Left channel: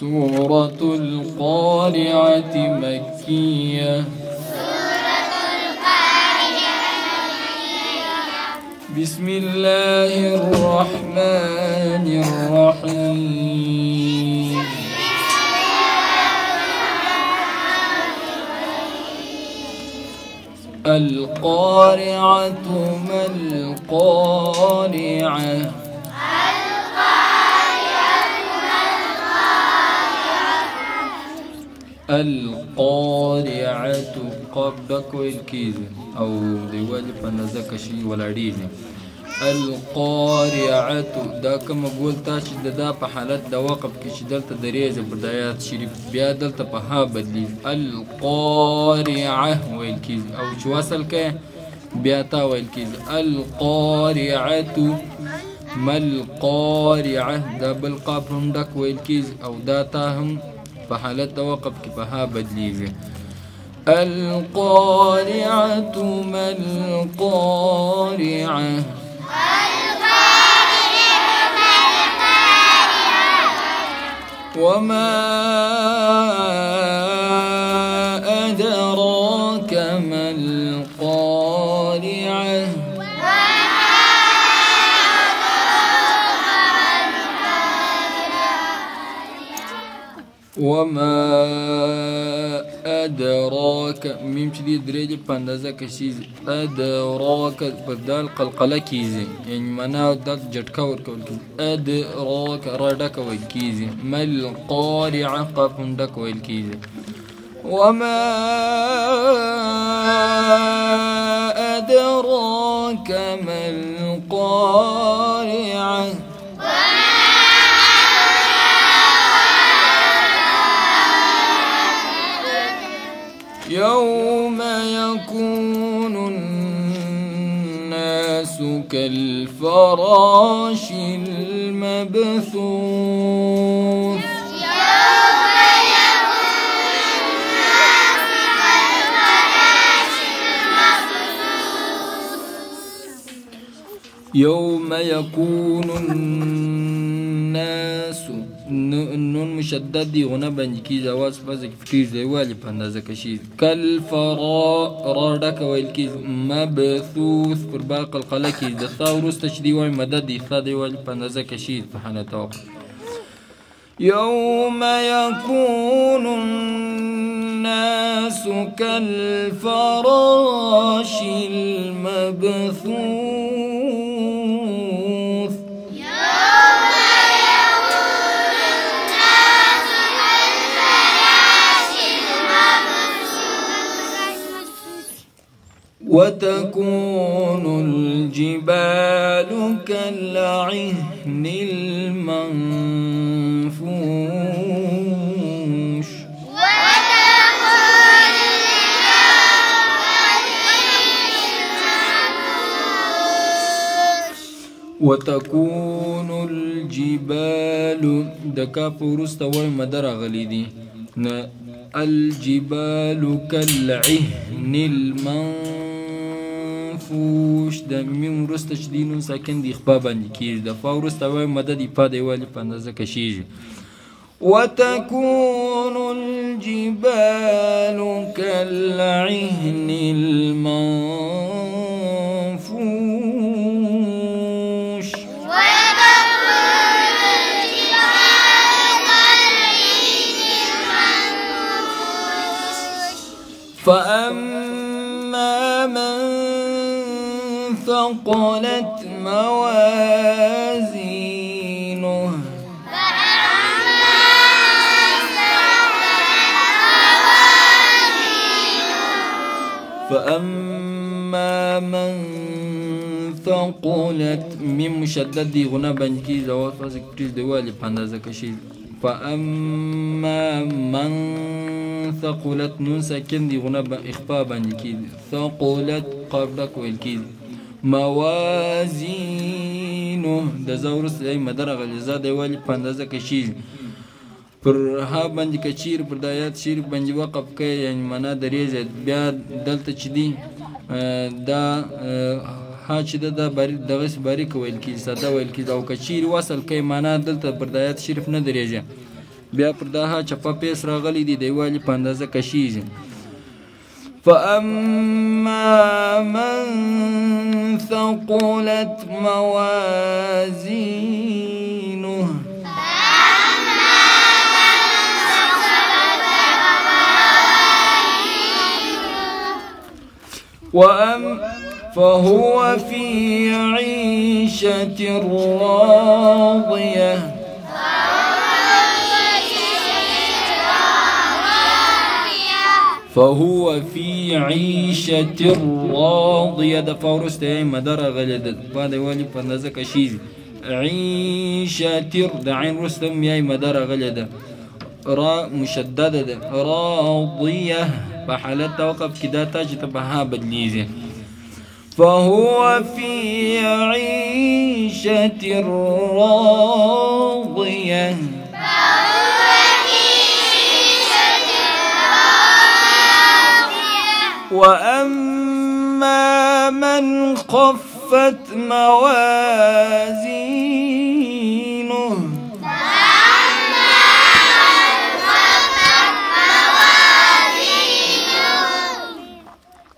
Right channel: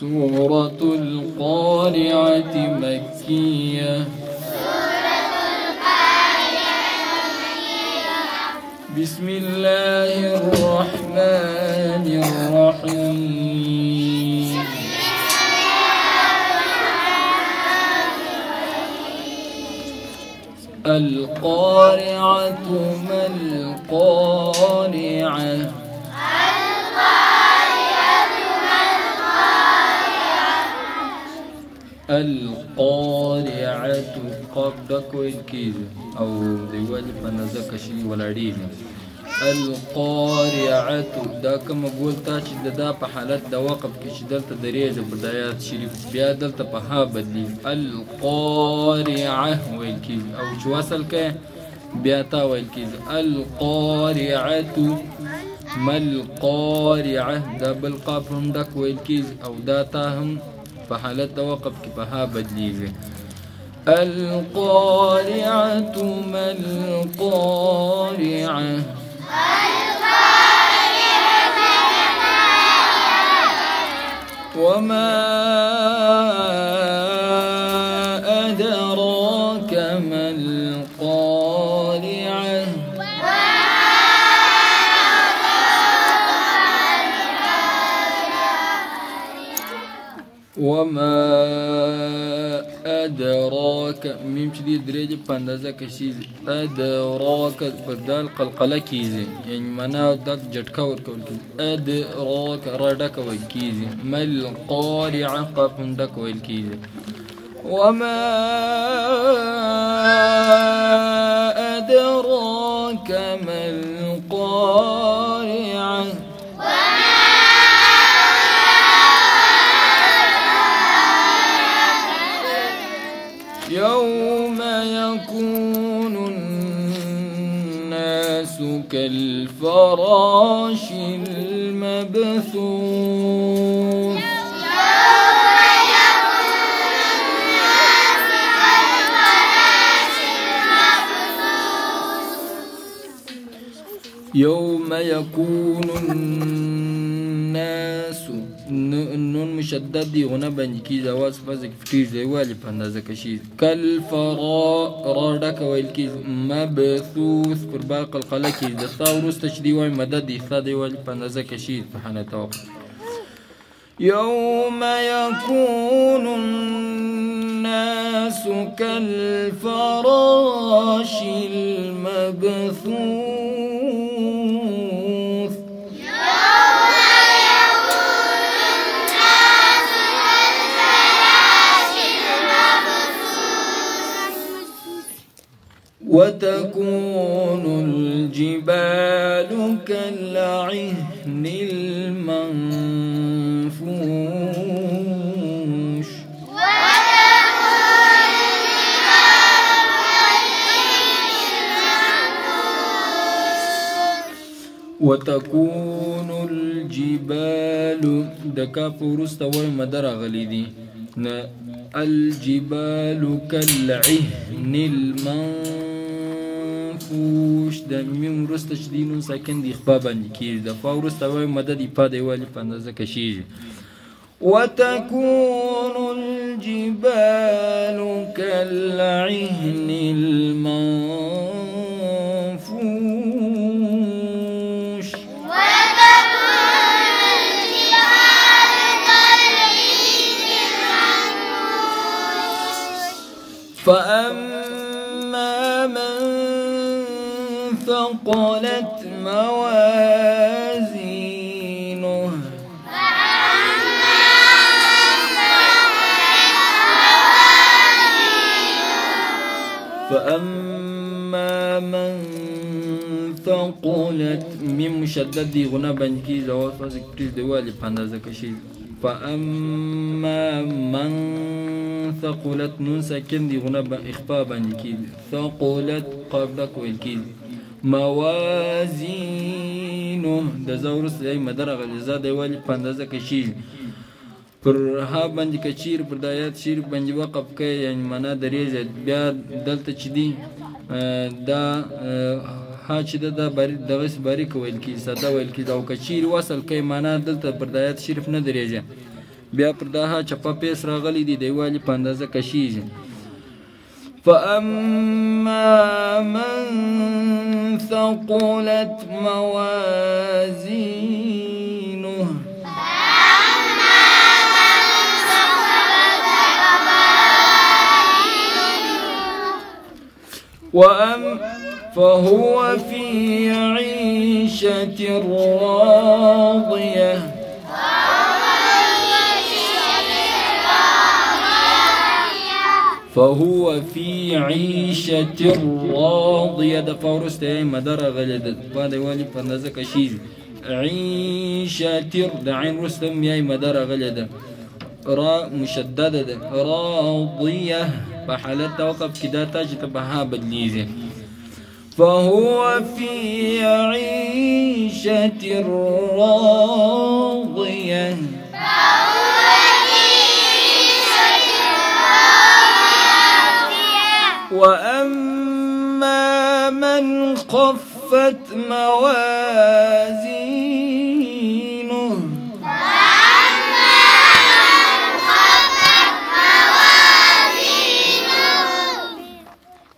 سورة القارعة مكية. بسم الله الرحمن الرحيم. القارعة ما القارعة؟ القارعة قبضك والكيز أو ديوالي فنزك شي ولا ديني. القارعة دا كما قلتا شي دا په حالت دا وقف کې شي دلته دریزه بدايات شریف بیا دلته په ها بدلی القارعة والكيز او شو وصل کې بیا تا والكيز. القارعة ما القارعة دا بالقاف هم دک والكيز او دا تا هم په حالت د وقف کې په ها بدلیږي. القارعة ما القارعة؟ وما أدراك ما القارعة؟ وما أدراك ميم شديد درجة باندازة كشيز أدراك بدال قلقلة كيزي يعني معناه دات جتكا وركول كيزي أدراك ردك والكيزي ما القارعة قافهم دك والكيزي. وما أدراك ما القارعة؟ يوم يكون الناس كالفراش المبثوث. يوم يكون الناس النون مشدد دي غنا بنج کی جواز فزك فتير زي والي پاندازه کشید. كالفرا ويل کی مبثوث پر باق القلة کی دستا ورست شدي واي مدد دي خا دي والي پاندازه کشید فحنا توقف. يوم يكون الناس كالفراش المبثوث. وتكون الجبال كالعهن المنفوش. وتكون الجبال دكا فورست وای مدر غلی دی الجبال كالعهن المنفوش د میم رست شدینون ساکن دی خپا باندې کیږي د فا ورست وای مدد په دی والی په اندازه کشیږي. وتكون الجبال كالعهن المنفوش. فأما من ثقلت موازينه فأما من ثقلت من مشدد دي غنا بنكي زوات فاسك تريد دوالي پاندازه کشید. فأما من ثقلت نون ساكن دي غنا إخفاء بانكي ثقلت قبلك والكيد. موازينه دا زورس أي مدرغ الإزاد يوالي پاندازه کشید پر ها باندې کچیر پر دایات شیر باندې وقف کوي یعنی معنا دریزه بیا دلته چې دی دا ها چې دا دغه باریک ویل کی ساده ویل کی دا او کچیر وصل کوي معنا دلته پر دایات شریف نه دریزه بیا پر دا چپه پیس راغلی دی د یووالي په اندازه کشیږي. فأما من ثقلت موازينه فهو في عيشة راضية فهو في عيشة راضية د فورست مدار غلد بعد والي فندزه کشیز عيشة د عين رستم یای مدار غلد را مشدده ده راضية بحالت توقف كده تاج تبها بدليزي فهو في عيشة راضية وأما من خفت موازينه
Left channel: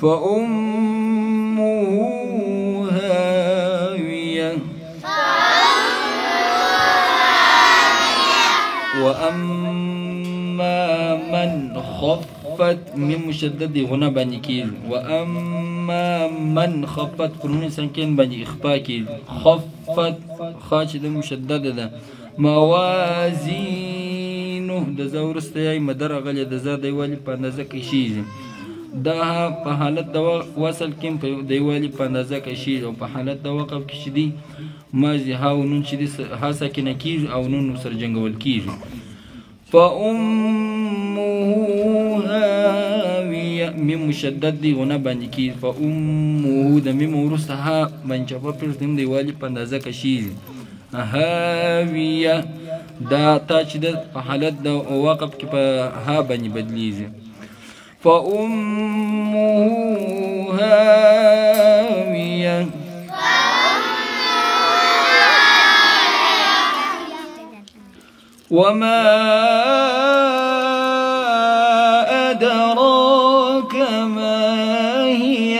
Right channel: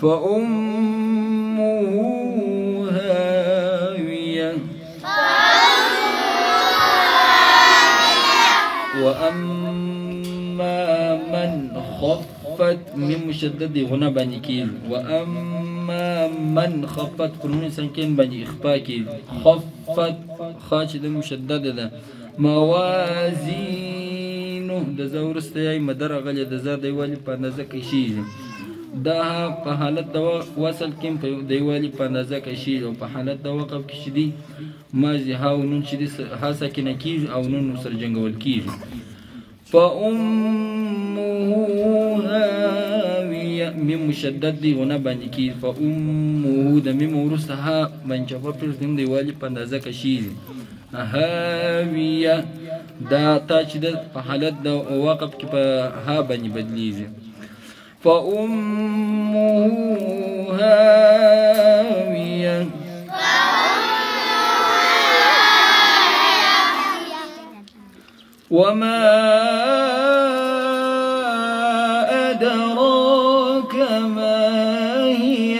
فأمه هاوية وأما من خفت من مشدد غنى بني كيل وأما من خفت قرون سنكين بني إخفاء كيل خفت خاشد مشدد ده موازينه ده زورست ياي مدر غلي ده زار ديوالي پاندازه کشیز دا په حالت د وصل کې په دیوالي په اندازه کشي او په حالت د وقف کې شدي ماضي هاو نون چې ها ساکنه کیږي او نون سره جنګول کیږي. فأمه هاوية ميم مشدد دی ونه باندې کیږي فأمه د ميم وروسته ها باندې په پرس دیم دیوالي په اندازه کشي هاوية دا تا چې د په حالت د وقف کې په ها باندې بدلیږي. فأمه هاوية وما أدراك ما هي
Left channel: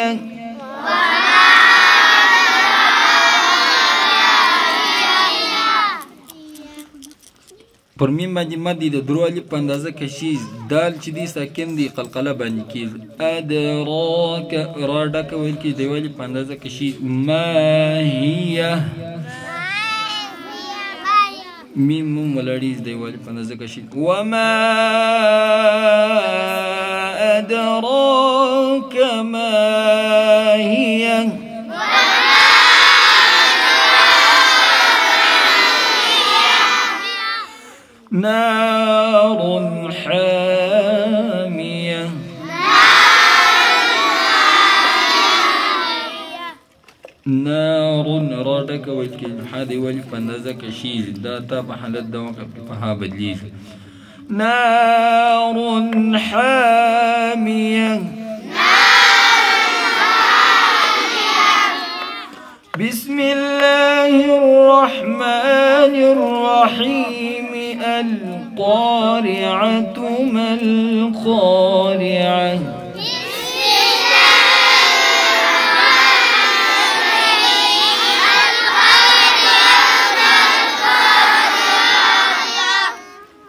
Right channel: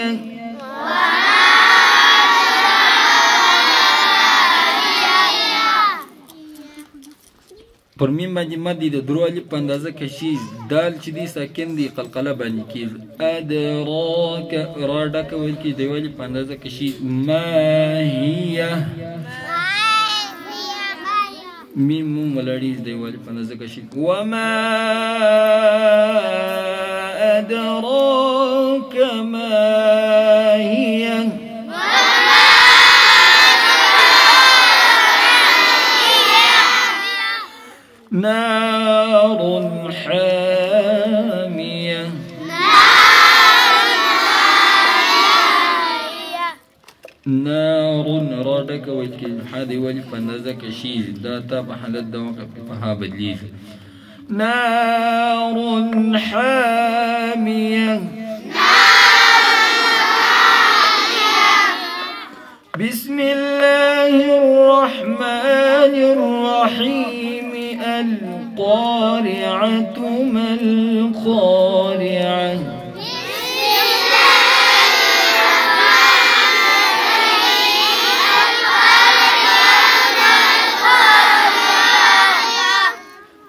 پر میم باندې مد د درو الف په اندازه کشیز دال چې دی ساکن دی قلقله باندې کیږي ادراک را ډکه ویل کی دی ویل په اندازه کشیز ما هي میم ملړیز دی ویل په اندازه کشیز وما ادراک ما هي نار حامية نار رادك ويلكي هذه ولي فندزة كشيز داتا بحالت دوقف فها بدليل نار حامية بسم الله الرحمن الرحيم القارعة ما القارعة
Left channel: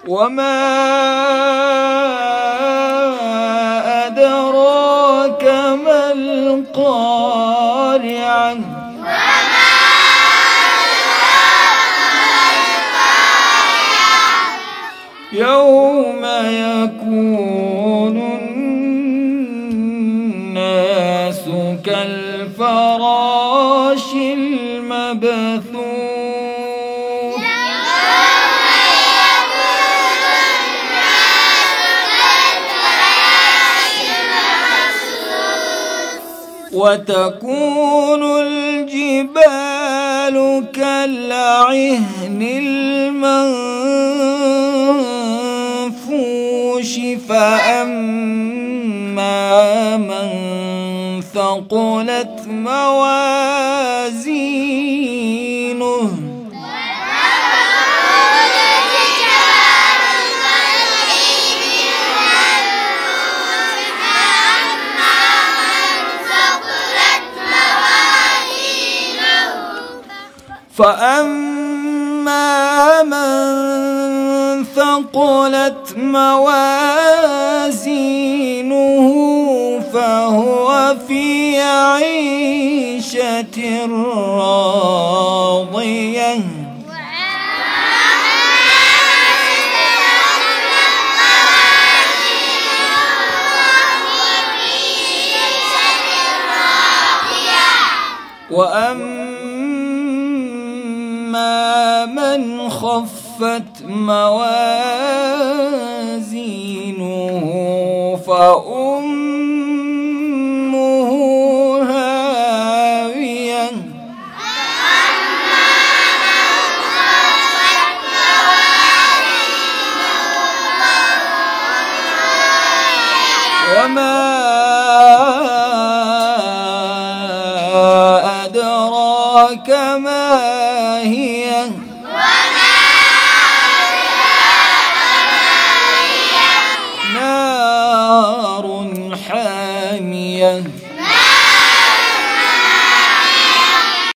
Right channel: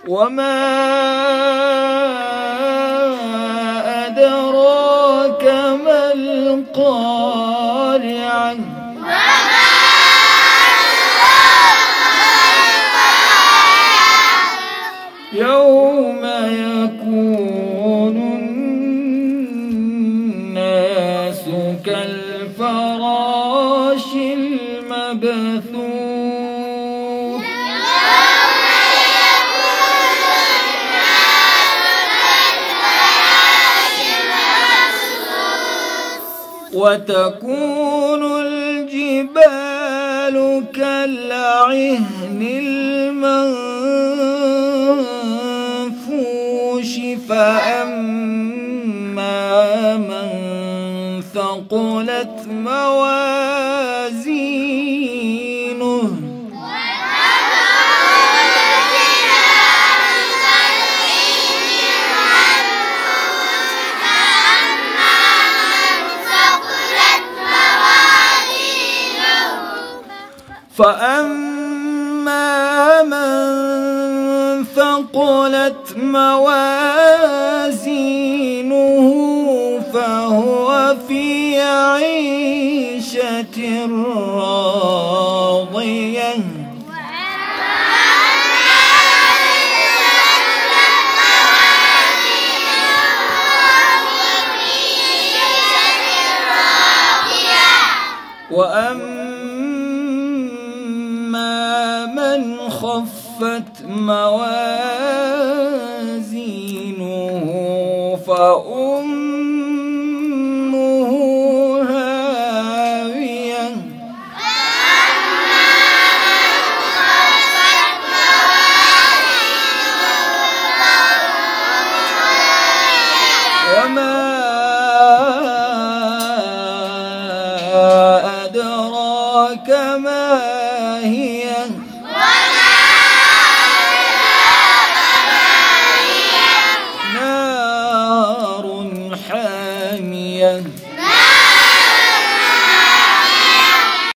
وما أدراك ما القارعة يوم يكون الناس كالفراش المبثوث وتكون الجبال كالعهن المنفوش فأما من ثقلت موازينه فأما من ثقلت موازينه فهو في عيشة راضية وأما من خفت موازينه فأمه هاوية وما أدراك ما هي نار حامية